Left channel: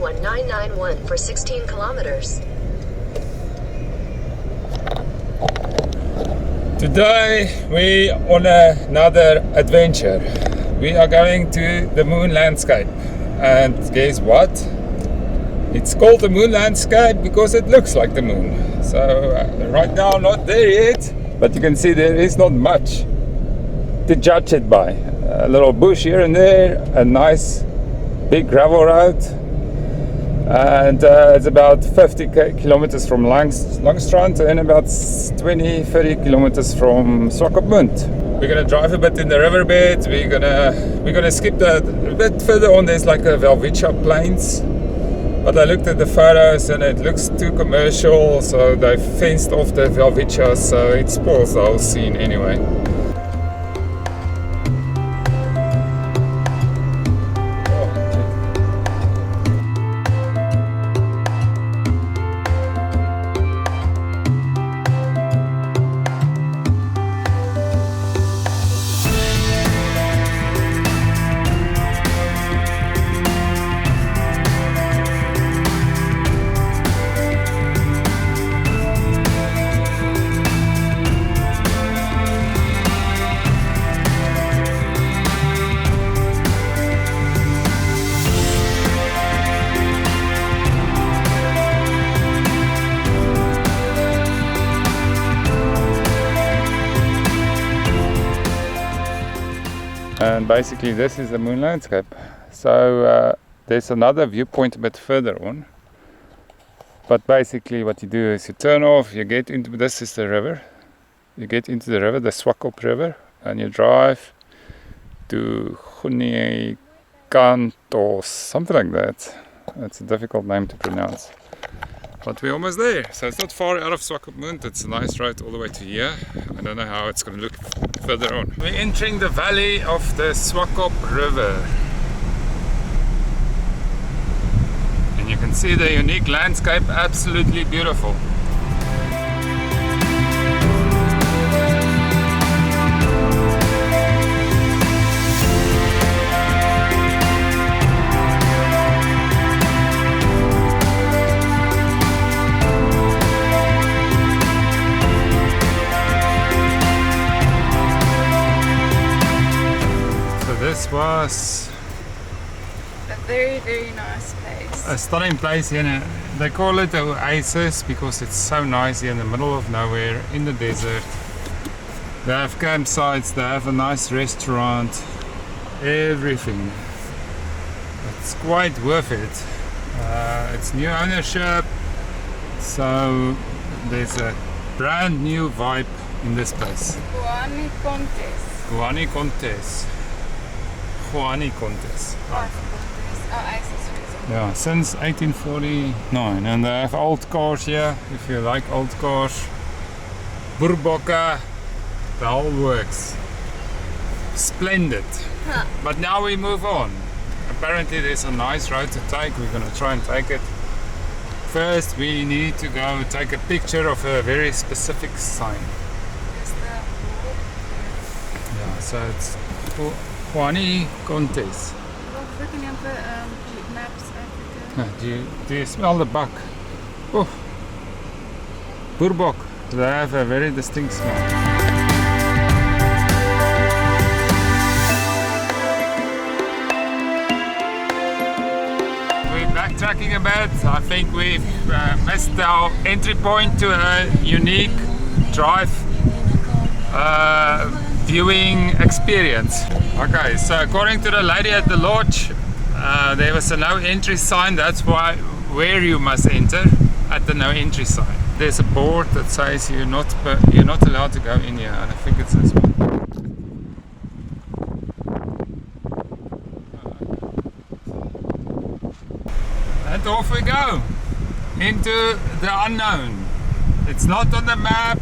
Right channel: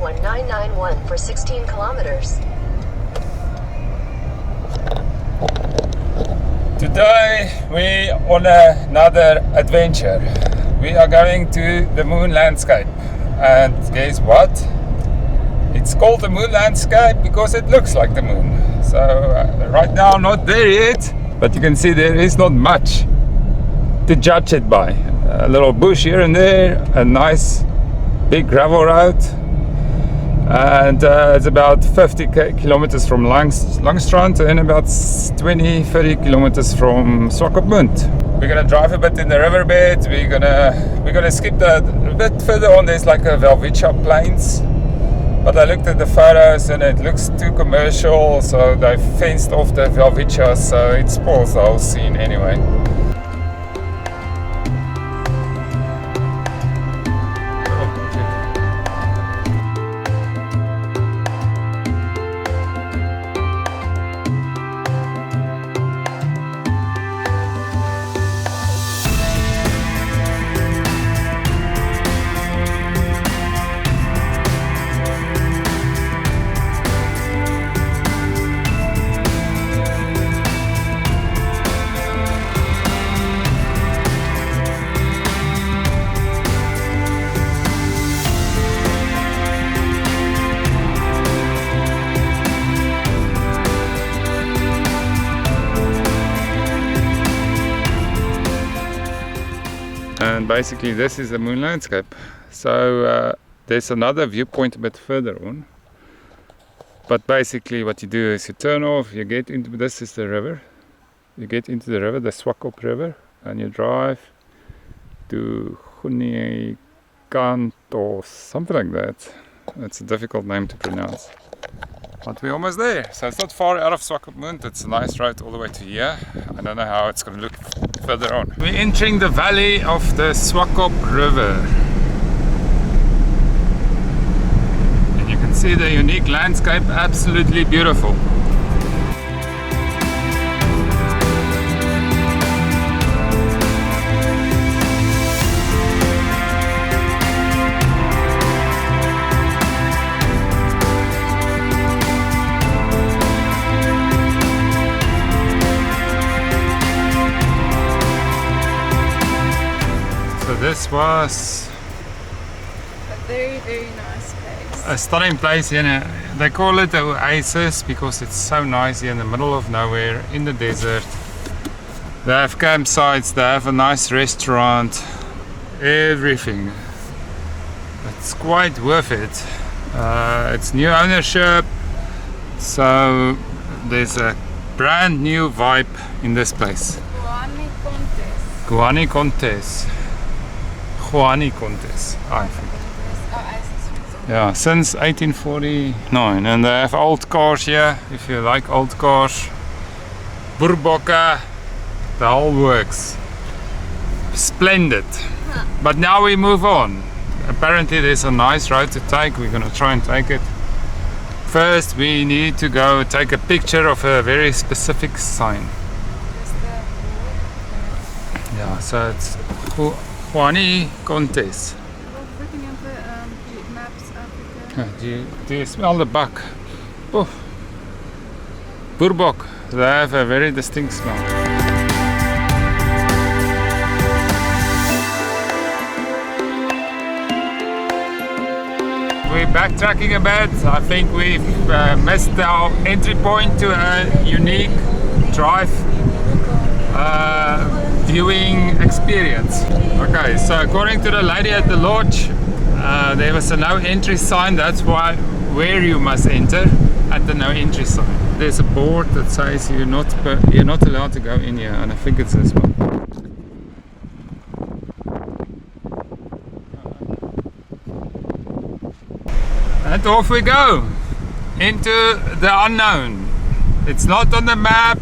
1991 for 16 kilometers. Today we on another adventure. We are going to the moon landscape, and guess what? It's called the moon landscape because it looks like the moon. So right now not there yet, but you can see there is not much to judge it by. A little bush here and there, a nice big gravel road, and it's about 50 kilometers from Langstrand and about 20-30 kilometers from Swakopmund. We're gonna drive a bit in the riverbed. We're gonna skip that a bit further on. There's like a Welwitschia plains, but I looked at the photos and it looks too commercial, so they fenced off the Welwitschia, so it spoils the whole scene anyway. And basically this is the moon landscape. So there's another viewpoint a bit further on, but basically what you do is you turn off, you get into, this is the river, you get into the river, the Swakop river, and you drive to Kant or something like that. It's a difficult name to pronounce, but we're almost there. So it's not far out of Swakopmund. It's a nice road all the way to here. I don't know how it's going to look further on. We're entering the valley of the Swakop river, and you can see the unique landscape, absolutely beautiful. So this was a very, very nice place. A stunning place, you know. They call it the oasis because it's so nice here in the middle of nowhere in the desert. They have campsites, they have a nice restaurant, everything. It's quite worth it. It's new ownership, so there's a brand new vibe in this place. Guani Contes. Yeah, since 1849, and they have old cars here, if you like old cars. Burboka, the whole works. Splendid. Huh. But now we move on. Apparently there's a nice road to take. We're gonna try and take it. First we need to go take a picture of a very specific sign. Yeah, so it's Guani Contes. Do you smell the buck? Oh, Burbok. They have a very distinct smell. We're backtracking a bit. I think we've missed our entry point to a unique drive viewing experience. Okay, so according to the lady at the lodge, there was a no entry sign. That's where you must enter, at the no entry sign. There's a board that says you're not allowed to go in here, and I think it's this one. And off we go into the unknown. It's not on the map.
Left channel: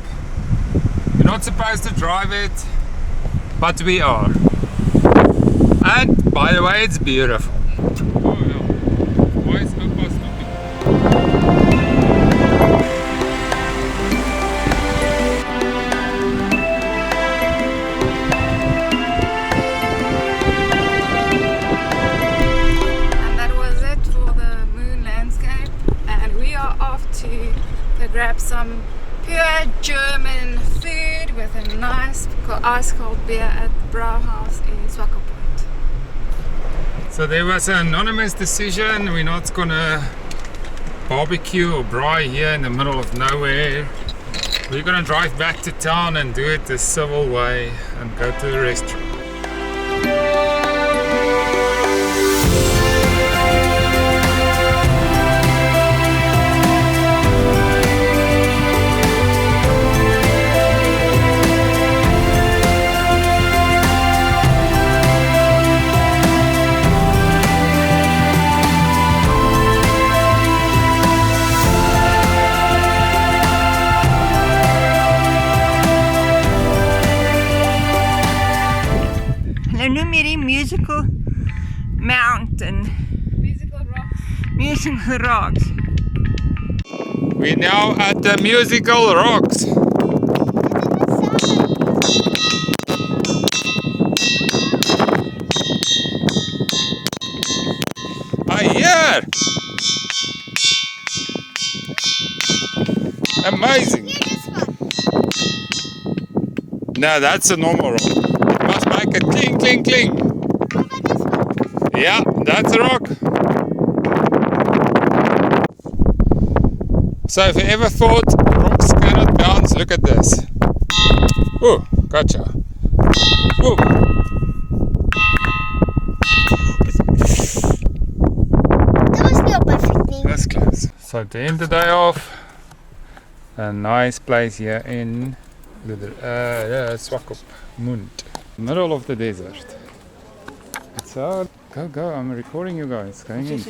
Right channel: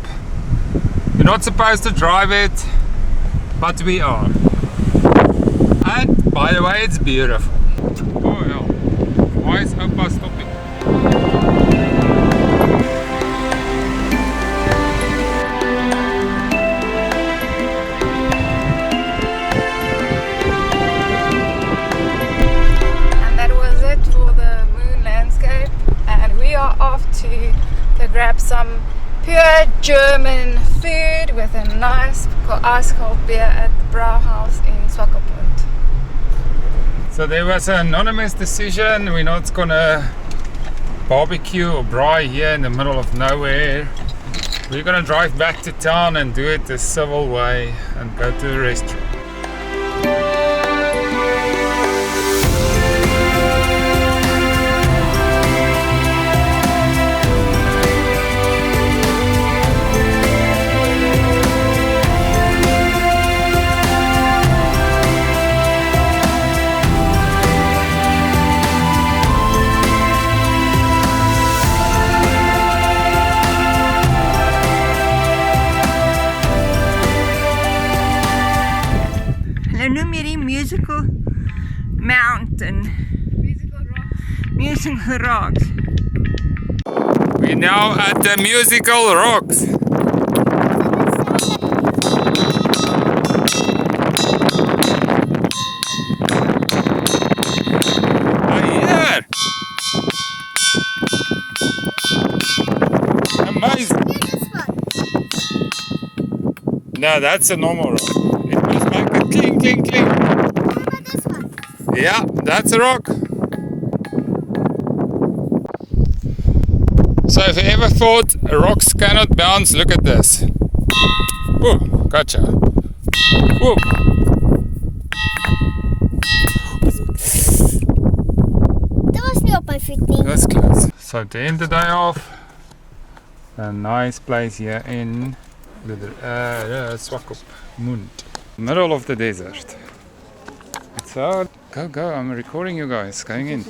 You're not supposed to drive it, but we are. And by the way, it's beautiful. Oh yeah. Why is Opa stopping? And that was it for the moon some pure German food with a nice ice cold beer at the Brauhaus in Swakopmund. So there was an anonymous decision. We're not gonna barbecue or braai here in the middle of nowhere. We're gonna drive back to town and do it the civil way and go to the restaurant. Namibia musical mountain. Musical rocks. We're now at the musical rocks. Yeah! Amazing. No, that's a normal rock. It must make a cling, cling, cling. Yeah, that's a rock. So if you ever thought the rocks cannot bounce, look at this. Ooh, gotcha. Ooh. That was not perfect. That's close. So to end the day off, a nice place here in the Swakopmund, middle of the desert. It's out. Go, I'm recording you guys, going in.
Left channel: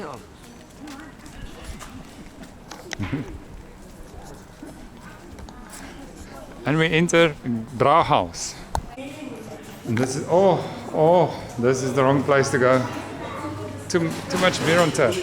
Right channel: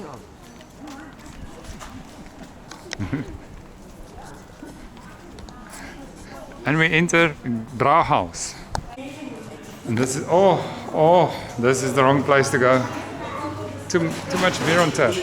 And we enter Brauhaus. And this is, this is the wrong place to go. Too much beer on tap.